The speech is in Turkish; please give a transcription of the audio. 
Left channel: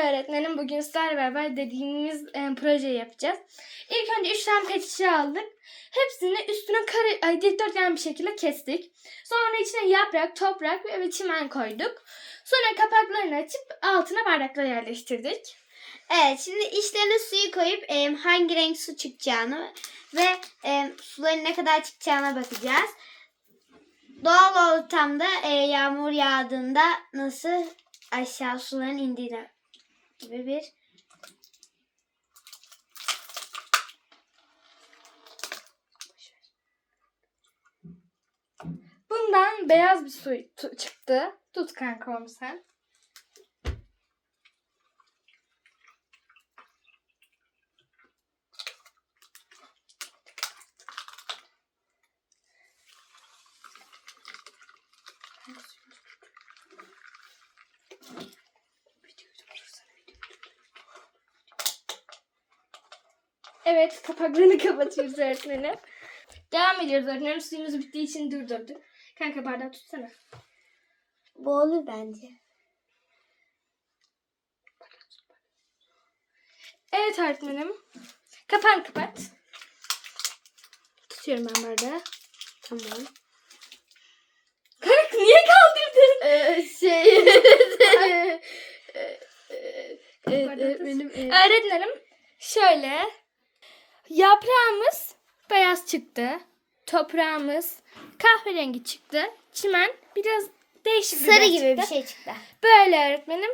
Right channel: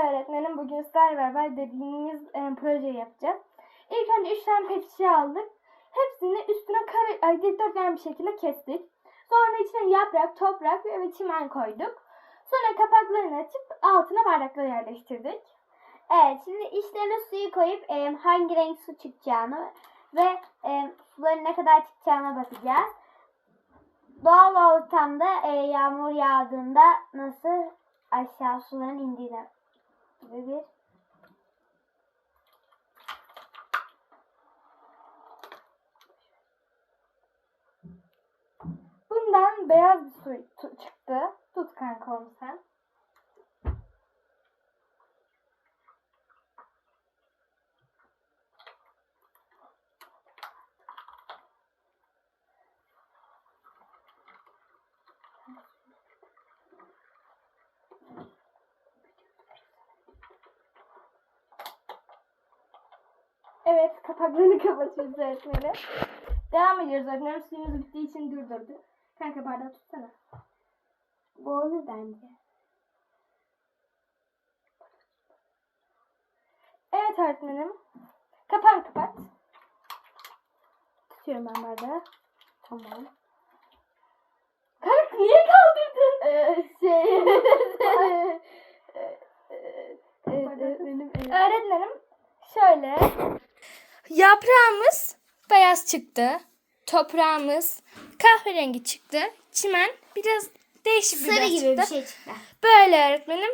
Öğretmenim bugün sizlerle beraber dediğimiz e, projeyi yapacağız. İlk önce 3 tane pet şişe aldık. Hepsini üstüne kare, ay, dikdörtgen bir şekilde kestik. Sonra içine yaprak, toprak ve çimen koyduk. Sonra kapaklarını açıp altına bardakları yerleştirdik. Evet şimdi içlerine suyu koyup e, hangi renk su çıkacağını ve e, suların ne kadar çıkacağına bakacağız. Doğal ortamda e, yağmur yağdığında nasıl aşağı suların indiğine gibi bir Bundan beyaz bir su çıktı. Tut kanka onu sen. Evet kapaklarını kapatıyoruz öğretmenim. Devam ediyoruz öğretmenim. Suyumuz bittiği için durdurduk. Kanka bardağı tutsana. bu olur bence. Evet öğretmenim. Kapağını kapat. Tutuyorum ben bardağı. Tamam. Kanka niye kaldırdın? Ee, şey benim Öğretmenim şöyle. Yaprağımız beyaz çıktı. Toprağımız kahverengi çıktı. Çimen biraz değişik bir sarı gibi bir çıktı. şey çıktı. Böyle öğretmenim.